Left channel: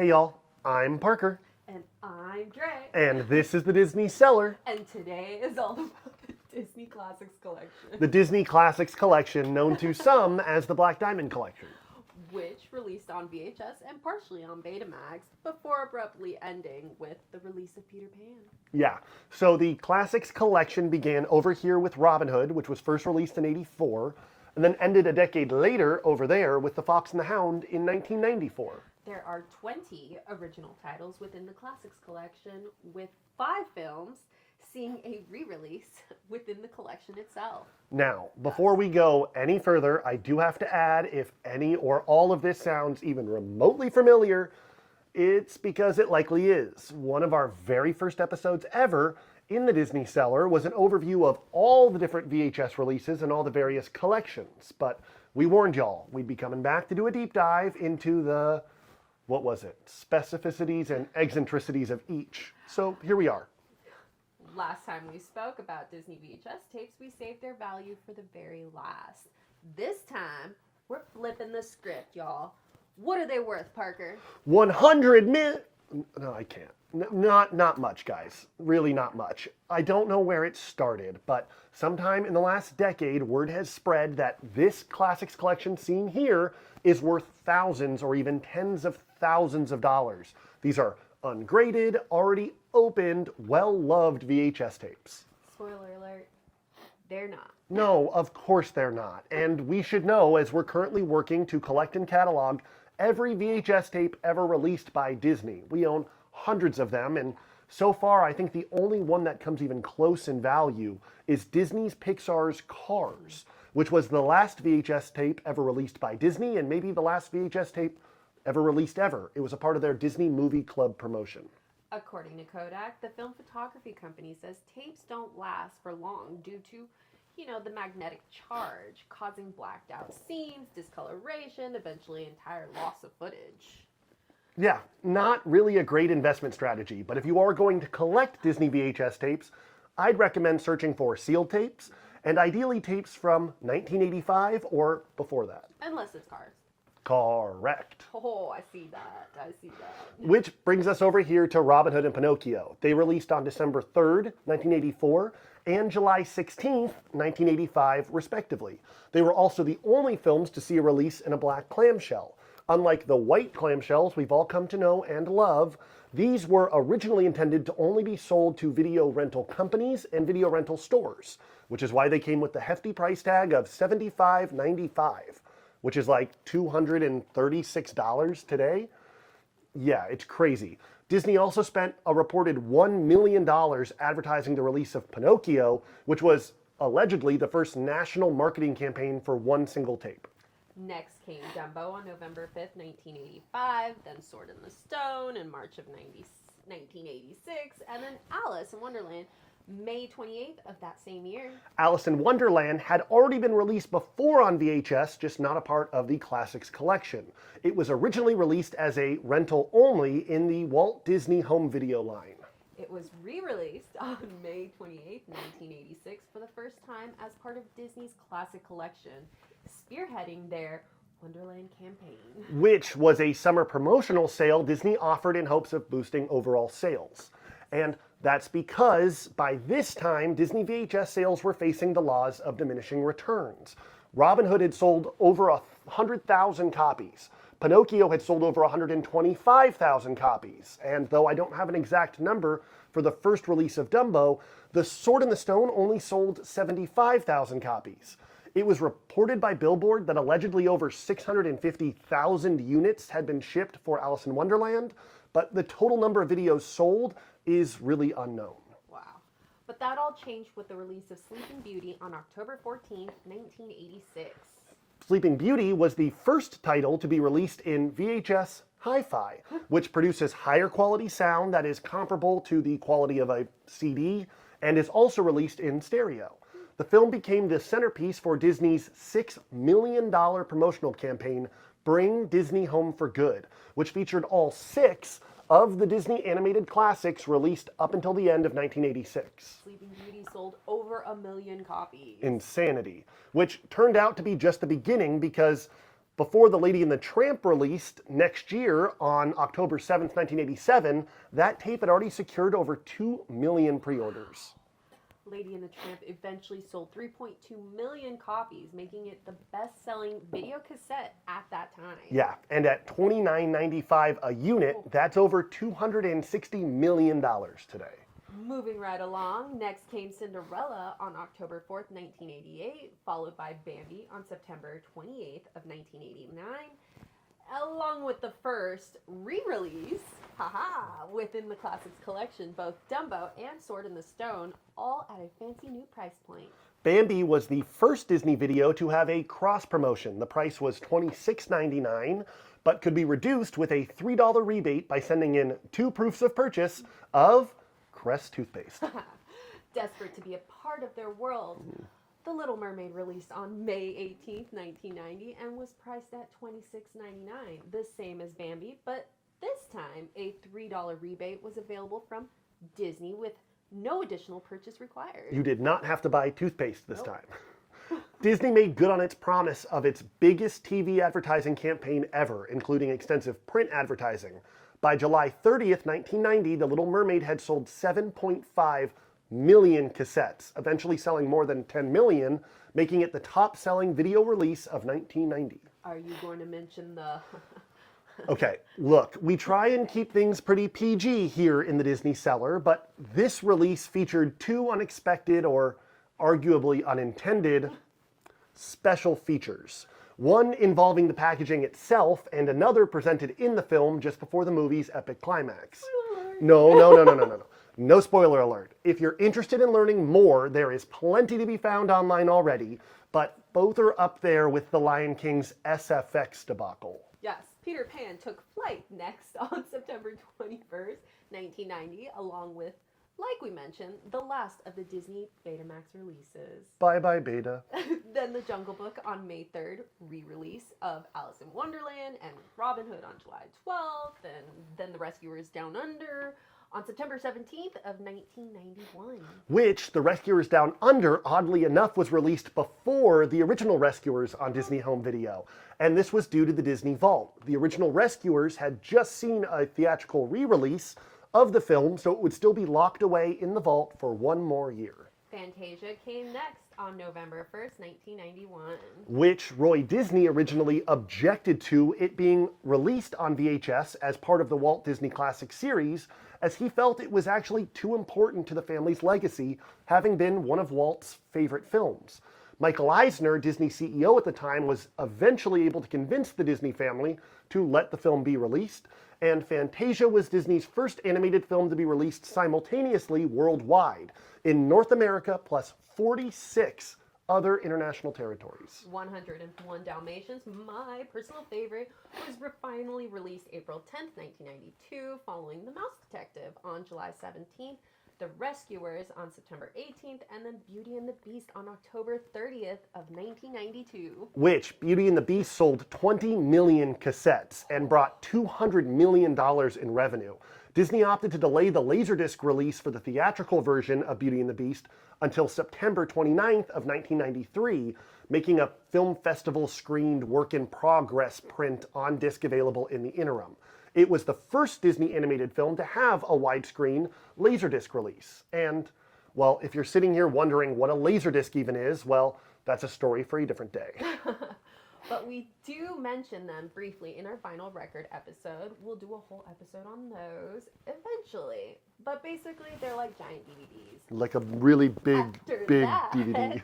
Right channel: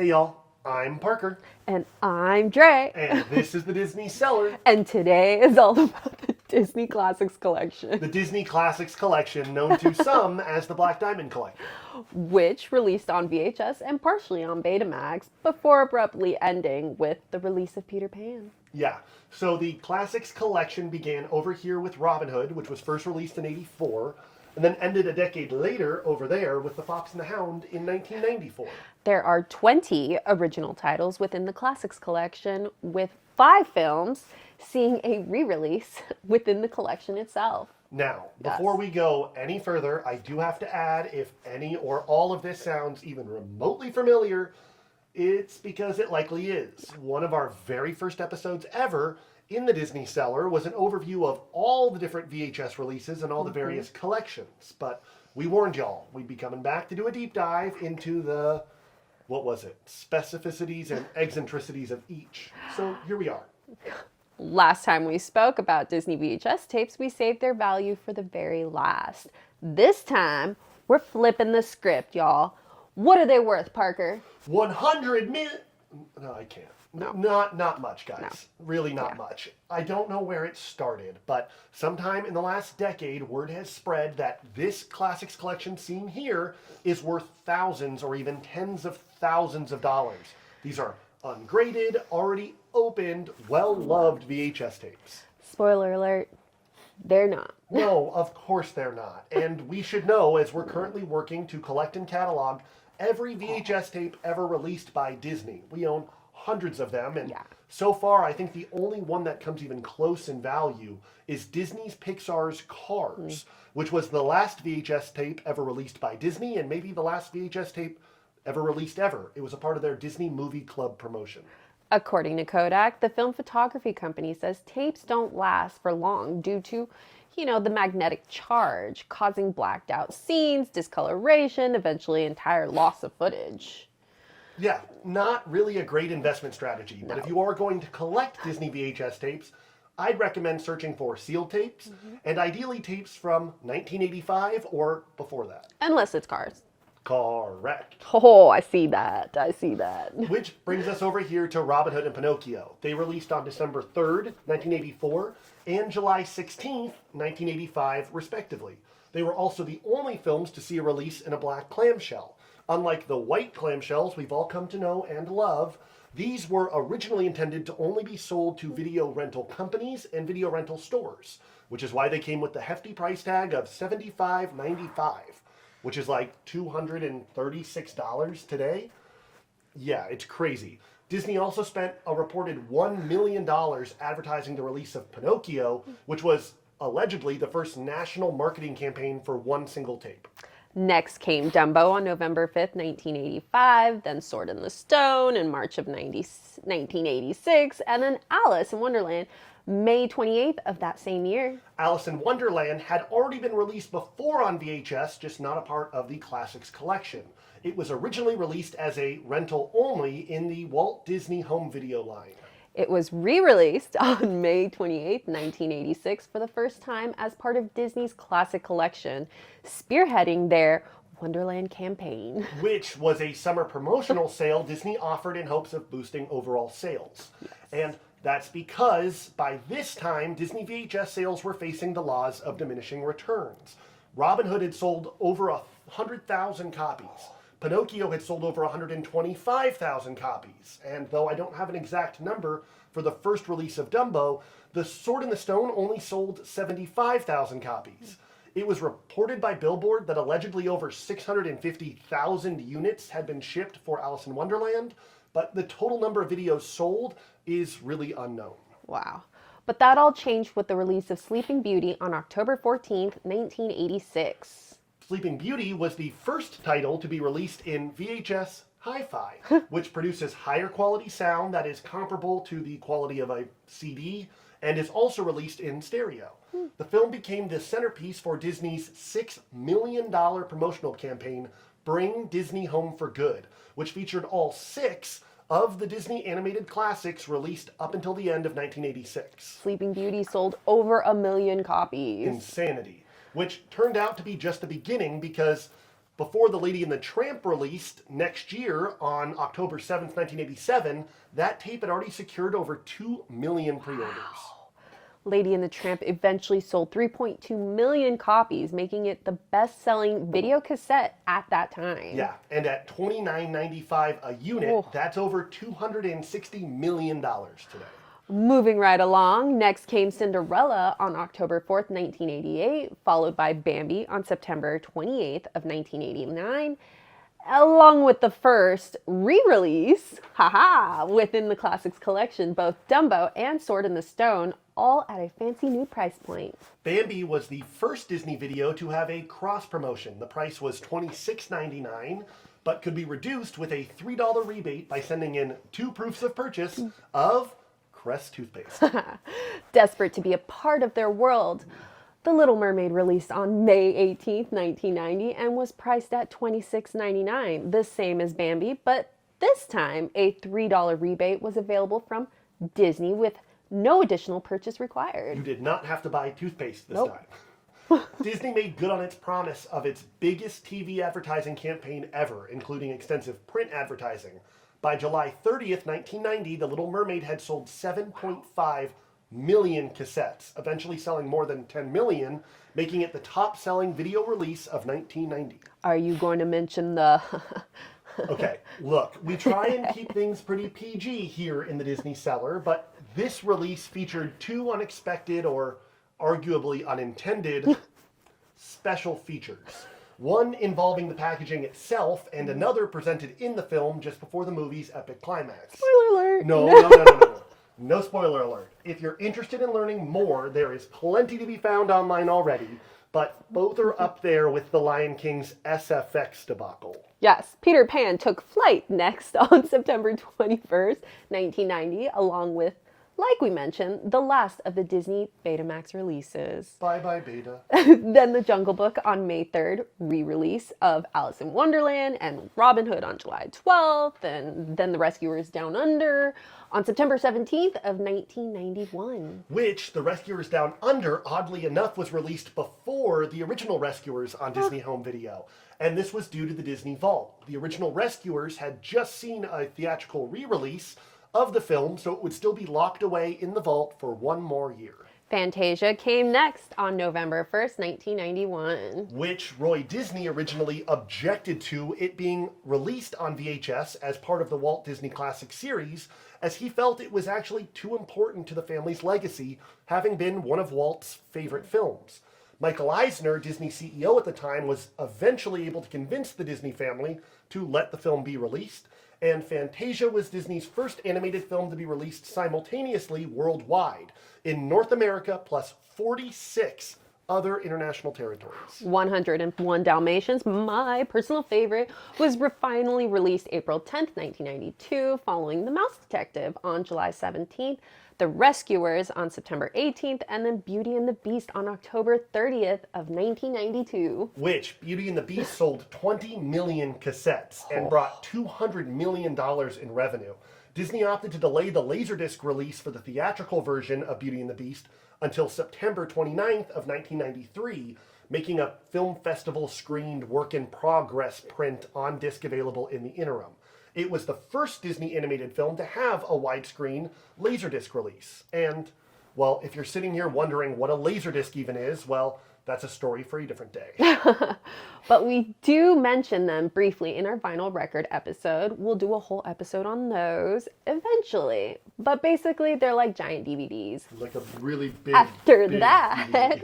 Hey y'all, I'm Parker, And I'm Dre. and this is the Disney Cellar, And today is all about the Disney Classics Collection, the Disney Classics Collection, known to some as the Black Diamond Collection. which released on VHS and partially on Betamax before abruptly ending with the release of Peter Pan. Yeah, so the Classics Collection began over here with Robin Hood, which was first released in '84, and then ended a decade later over there with The Fox and the Hound in 1994. There are 20 original titles within the Classics Collection, with 5 films seeing a re-release within the collection itself. Now, before we go any further, I do have to add, if any or all of this sounds even remotely familiar, it's because it likely is. One of our very first episodes ever in the Disney Cellar was an overview of all the different VHS releases and all the various collections. But we warned y'all, we'd be coming back to do a deep dive into the, what was it, specificities and eccentricities of each. So here we are. Last time we spoke about Disney VHS tapes, we saved their value for the very last. This time, we're flipping the script, y'all. What are they worth, Parker? 100 million. No, I can't. No. Not much, guys. No. Really not much. I don't know where it started, but sometime in the last decade, word has spread that this Classics Collection seen here is worth thousands or even tens of thousands of dollars. These are ungraded, already opened, well-loved VHS tapes. Spoiler alert, they're not. No, of course they're not. And we should know, as we're currently working to collect and catalog every VHS tape ever released by Disney. We own hundreds of them, and so far I think the only one that comes even close in value is Disney's Pixar's Cars, which was the last VHS tape ever released by Disney, and maybe the last VHS tape ever released ever. It was a part of their Disney Movie Club promotion. According to Kodak, the film photography company says tapes don't last for long due to, the magnetic charge, causing blacked out scenes, discoloration, eventually entire loss of footage. Yeah, not really a great investment strategy, but if you are going to collect Disney VHS tapes, I'd recommend searching for sealed tapes, and ideally tapes from 1985 or before that. Unless it's Cars. Correct. Oh, I see that. Which brings us over here to Robin Hood and Pinocchio. They released on December 3rd, 1984, and July 16th, 1985, respectively. They were also the only films to see a release in a black clamshell. Unlike the white clamshells we've all come to know and love, these were originally intended to only be sold to video rental companies and video rental stores, which is why they came with the hefty price tag of $75.95. Which is like $236 today. Yeah, it's crazy. Disney also spent a reported $1 million advertising the release of Pinocchio, which was allegedly the first national marketing campaign for one single tape. Next came Dumbo on November 5th, 1985, then Sword in the Stone in March of 1986, and then Alice in Wonderland May 28th of that same year. Alice in Wonderland had already been released before on VHS, just not a part of the Classics Collection. It was originally released as a rental only in the Walt Disney Home Video line. It was re-released on May 28th, 1986 for the first time as part of Disney's Classic Collection, spearheading their Wonderland campaign. Which was a summer promotional sale Disney offered in hopes of boosting overall sales. And that's because by this time, Disney VHS sales were facing the laws of diminishing returns. Robin Hood had sold over 100,000 copies. Pinocchio had sold over 125,000 copies. And though I don't have an exact number for the first release of Dumbo, The Sword in the Stone only sold 75,000 copies. It was reported by Billboard that allegedly over 650,000 units had been shipped for Alice in Wonderland, but the total number of videos sold is really unknown. Wow. But that all changed with the release of Sleeping Beauty on October 14th, 1986. Sleeping Beauty was the first title to be released in VHS Hi-Fi, which produces higher quality sound that is comparable to the quality of a CD and is also released in stereo. The film became the centerpiece for Disney's $6 million promotional campaign, Bring Disney Home for Good, which featured all 6 of the Disney animated classics released up until the end of 1986. Sleeping Beauty sold over 1 million copies. Insanity. Which turned out to be just the beginning because Before The Lady and the Tramp released next year on October 7th, 1987, that tape had already secured over 2 million pre-orders. Lady and the Tramp eventually sold 3.2 million copies, making it the best-selling video cassette at that time. Yeah, and at $29.95 a unit, that's over $260 million today. Moving right along, next came Cinderella on October 4th, 1988, followed by Bambi on September 28th of 1989, along with the first re-release, within the Classics collection, both Dumbo and Sword in the Stone, all at a fancy new price point. Bambi was the first Disney video to have a cross promotion. The price was $26.99, but could be reduced with a $3 rebate by sending in 2 proofs of purchase of Crest toothpaste. Desperate to be a part of their world, The Little Mermaid released on May 18th, 1990, and was priced at $26.99, the same as Bambi, but this time a $3 rebate was available from Disney with no additional purchase required. You did not have to buy toothpaste this time. Disney made good on its promise of its biggest TV advertising campaign ever, including extensive print advertising. By July 30th, 1990, The Little Mermaid had sold 7.5 million cassettes, eventually selling more than 10 million, making it the top-selling video release of 1990. Are you going to mention the... Okay, look, we try and keep things pretty PG here in the Disney cellar, but this release featured 2 unexpected or arguably unintended special features. One involving the packaging itself, and another presented in the film just before the movie's epic climax. Spoiler alert! No. No spoiler alert. If you're interested in learning more, there is plenty to be found online already, but both are up there with The Lion King's SFX debacle. Yes, Peter Pan took flight next on September 21st, 1990, along with, like we mentioned, the last of the Disney Betamax releases. Bye-bye, Beta. Then The Jungle Book on May 3rd, re-release of Alice in Wonderland and Robin Hood on July 12th, and then The Rescuers Down Under on September 17th of 1991. Which, The Rescuers Down Under, oddly enough, was released before the original Rescuers on Disney Home Video. And this was due to the Disney Vault. The original Rescuers had just seen a theatrical re-release of the film, so it would still be locked away in the vault for 1 more year. Fantasia came next on November 1st, 1991. Which Roy Disney originally objected to it being released on VHS as part of the Walt Disney Classic series, as he felt it was actually too important to the family's legacy, having been one of Walt's favorite films. Michael Eisner, Disney CEO at the time, was eventually able to convince the Disney family to let the film be released, and Fantasia was Disney's first animated film to be released simultaneously worldwide, in North America plus 46 other international territories. 101 Dalmatians, my personal favorite, was finally released April 10th, 1992, following The Mouse Detective on July 17th, The Rescuers on September 18th, and then Beauty and the Beast on October 30th of 1992. Which, Beauty and the Beast sold 20 million cassettes and brought $200 million in revenue. Disney opted to delay the Laserdisc release for the theatrical version of Beauty and the Beast until September 29th of 1993, making a film festival screened work-in-progress print on disc available in the interim. It was the first Disney animated film to have a widescreen Laserdisc release. And, well, if you're sitting here wondering what a Laserdisc even is, well, that's a story for a different day. But we do mention them briefly in our vinyl record episode. We'll do a whole episode on those eventually. But basically, they're like giant DVDs. Like a really big, After big that, DVD.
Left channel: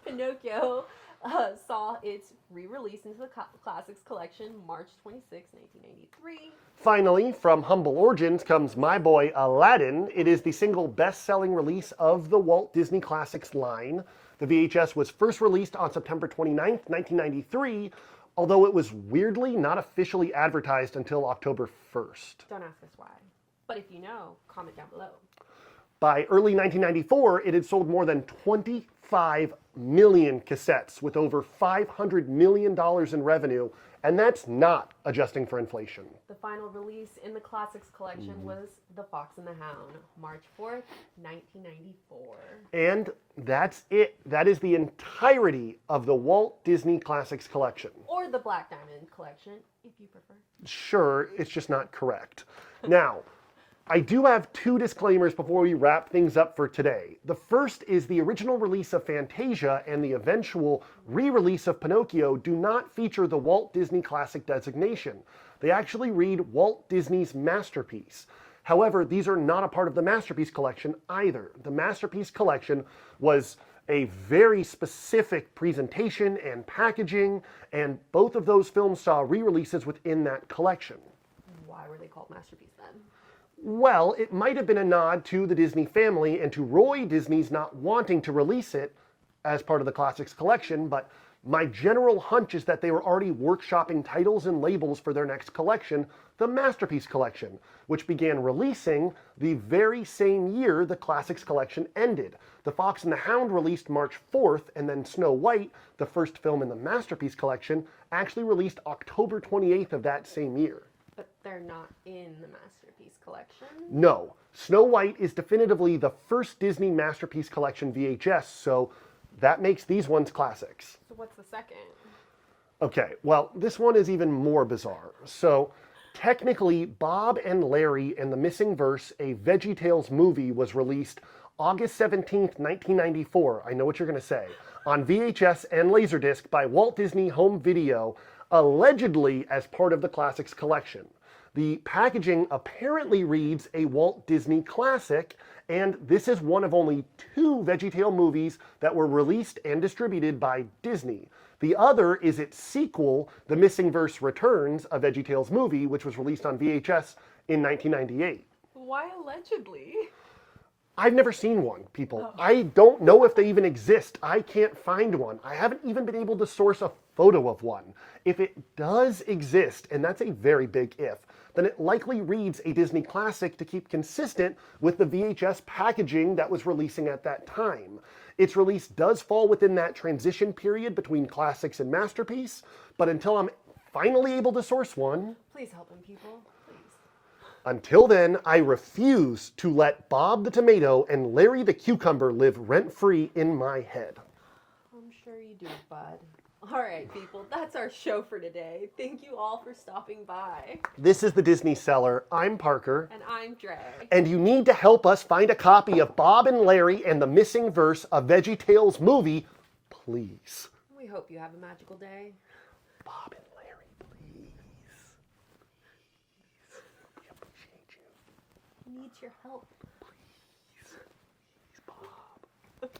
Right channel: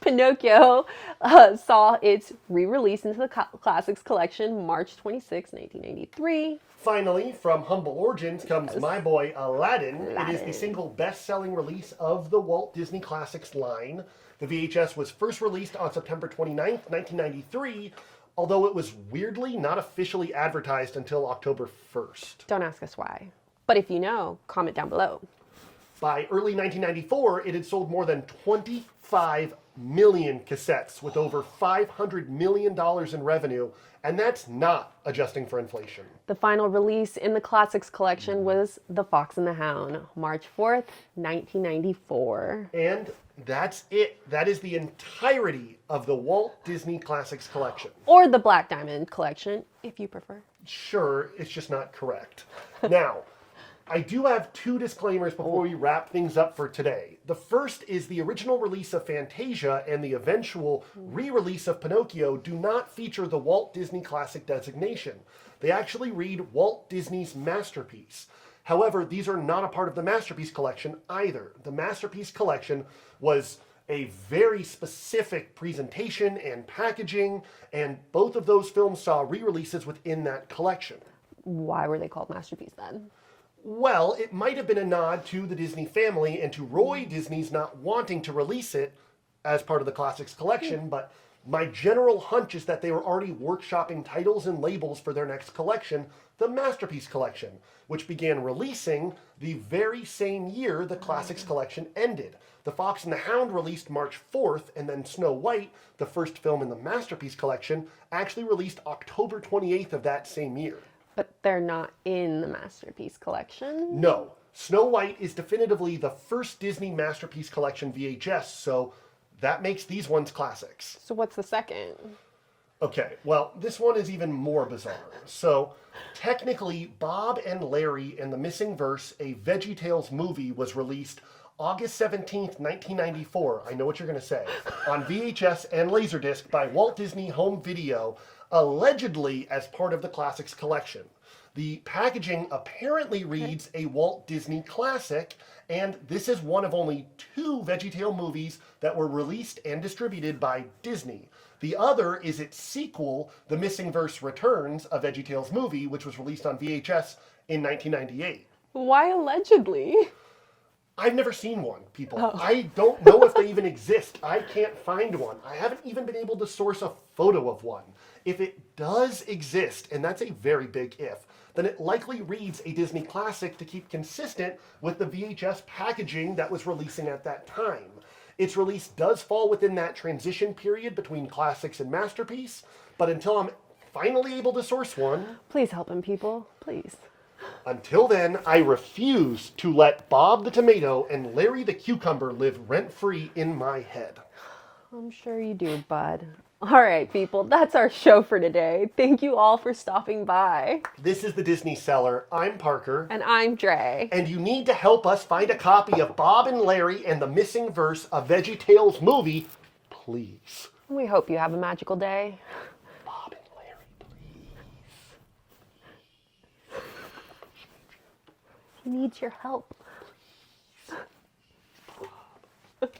Pinocchio saw its re-release into the Classics collection March 26, 1993. Finally, from humble origins comes my boy Aladdin. It is the single best-selling release of the Walt Disney Classics line. The VHS was first released on September 29th, 1993, although it was weirdly not officially advertised until October 1st. Don't ask us why. But if you know, comment down below. By early 1994, it had sold more than 25 million cassettes with over $500 million in revenue, and that's not adjusting for inflation. The final release in the Classics collection was The Fox and the Hound, March 4th, 1994. And That's it. That is the entirety of the Walt Disney Classics collection. Or the Black Diamond collection, if you prefer. Sure, it's just not correct. Now, I do have two disclaimers before we wrap things up for today. The first is the original release of Fantasia and the eventual re-release of Pinocchio do not feature the Walt Disney Classic designation. They actually read Walt Disney's Masterpiece. However, these are not a part of the Masterpiece Collection either. The Masterpiece Collection was a very specific presentation and packaging, and both of those films saw re-releases within that collection. Why were they called Masterpiece then? Well, it might have been a nod to the Disney family and to Roy Disney's not wanting to release it as part of the Classics collection, but my general hunch is that they were already workshopping titles and labels for their next collection, the Masterpiece Collection, which began releasing the very same year the Classics collection ended. The Fox and the Hound released March 4th, and then Snow White, the first film in the Masterpiece Collection, actually released October 28th of that same year. But they're not in the Masterpiece Collection? No. Snow White is definitively the first Disney Masterpiece Collection VHS, so that makes these ones classics. So what's the second? Okay, well, this one is even more bizarre. So, technically, Bob and Larry and the Missing Verse, a VeggieTales movie, was released August 17th, 1994. I know what you're going to say. On VHS and Laserdisc by Walt Disney Home Video, allegedly as part of the Classics collection. The packaging apparently reads a Walt Disney Classic, and this is one of only two VeggieTale movies that were released and distributed by Disney. The other is its sequel, The Missing Verse Returns, a VeggieTales movie, which was released on VHS in 1998. Why allegedly? I've never seen one, people. I don't know if they even exist. I can't find one. I haven't even been able to source a photo of one. If it does exist, and that's a very big if, then it likely reads a Disney classic to keep consistent with the VHS packaging that was releasing at that time. Its release does fall within that transition period between Classics and Masterpiece, but until I'm finally able to source one... Please help him, people. Please. Until then, I refuse to let Bob the Tomato and Larry the Cucumber live rent-free in my head. I'm sure you do, bud. All right, people, that's our show for today. Thank you all for stopping by. This is the Disney Cellar. I'm Parker. And I'm Dre. And you need to help us find a copy of Bob and Larry and the Missing Verse, a VeggieTales movie, please. We hope you have a magical day. Bob and Larry, please. He needs your help. Please.